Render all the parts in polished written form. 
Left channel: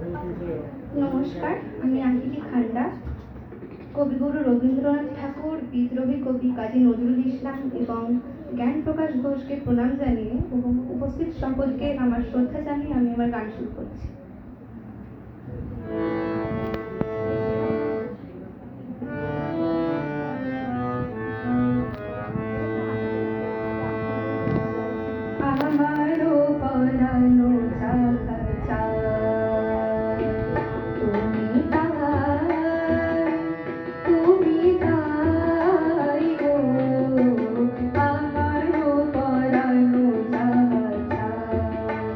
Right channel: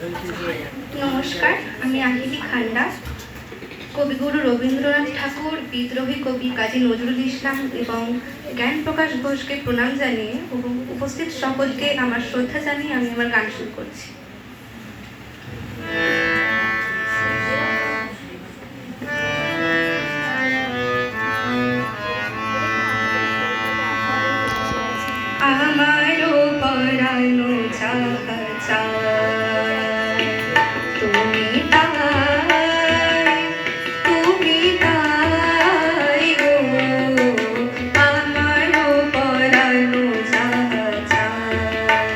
নমস্কার, আমি আহিলি খান্ডা। কবিগুরু রবীন্দ্রনাথ ঠাকুর, বিদ্রোহী কবি কাজী নজরুল ইসলাম এবং জ্ঞান প্রকাশ ঘোষকে প্রণাম জানিয়ে এবং উপস্থিত সকলকে আমার শ্রদ্ধা জানিয়ে আমি আমার গান শুরু করছি। আমারও পরানো চাহা চায়, তুমি তাই গো। আমারও পরানো চাহা চায়,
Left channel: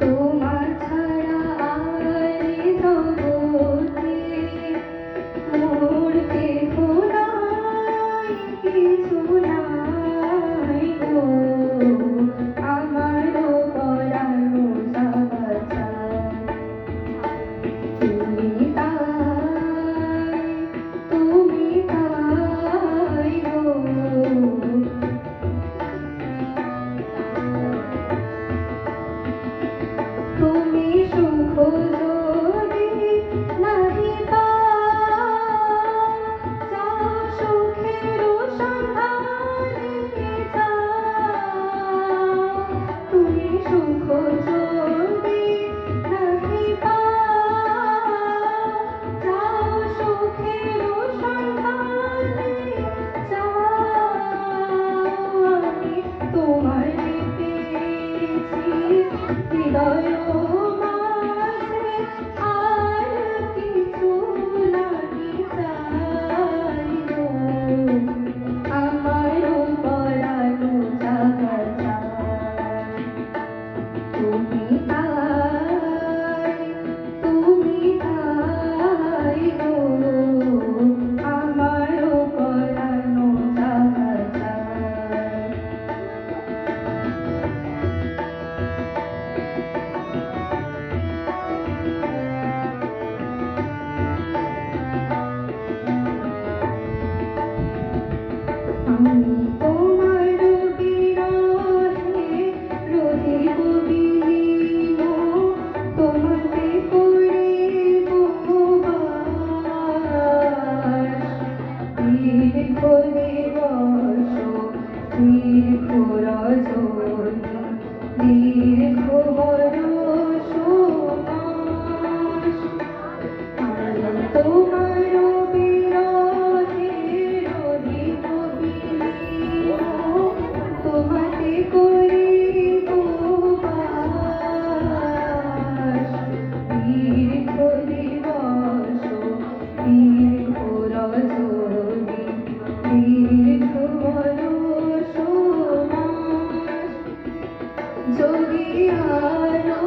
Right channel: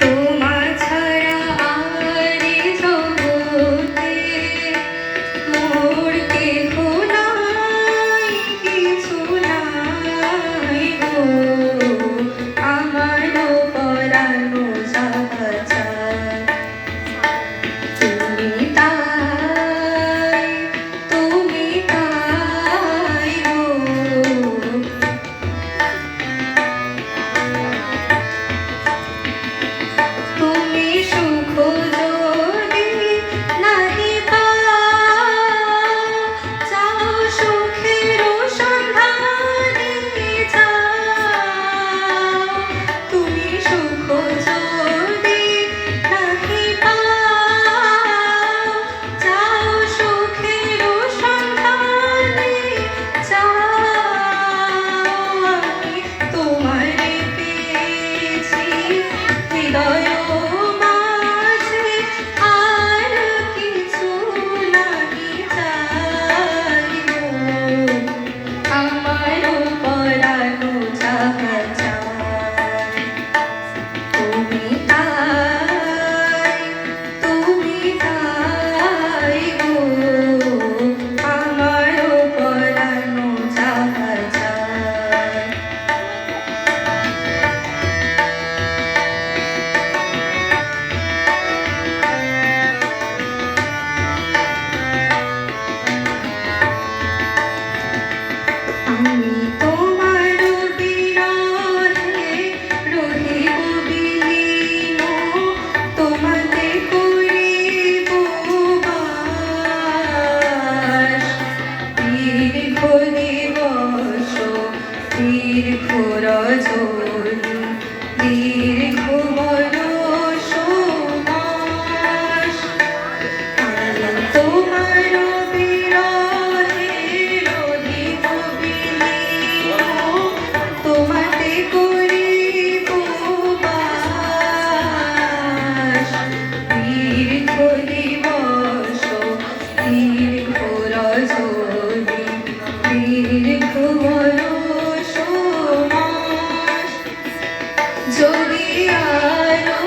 তোমার ছাড়া আর জগতে মোর কেহ নাই, কিছু নাই গো। আমারও পরানো চাহা চায়, তুমি তাই গো। তুমি সুখ যদি নাহি পাও, চাও সুখের সন্ধানে যাও। তুমি সুখ যদি নাহি পাও, চাও সুখের সন্ধানে যাও। আমি তোমারে পেয়েছি হৃদয় মাঝে, আর কিছু নাহি চাই গো। আমারও পরানো চাহা চায়, তুমি তাই গো। আমারও পরানো চাহা চায়। আমি তোমার বিরহে রহিব বিলীন, তোমাতে করিব বাস। দীর্ঘ দিবস দীর্ঘ রজনী, দীর্ঘ বরষ মাস। আমি তোমার বিরহে রহিব বিলীন, তোমাতে করিব বাস। দীর্ঘ দিবস দীর্ঘ রজনী, দীর্ঘ বরষ মাস। যদি আরো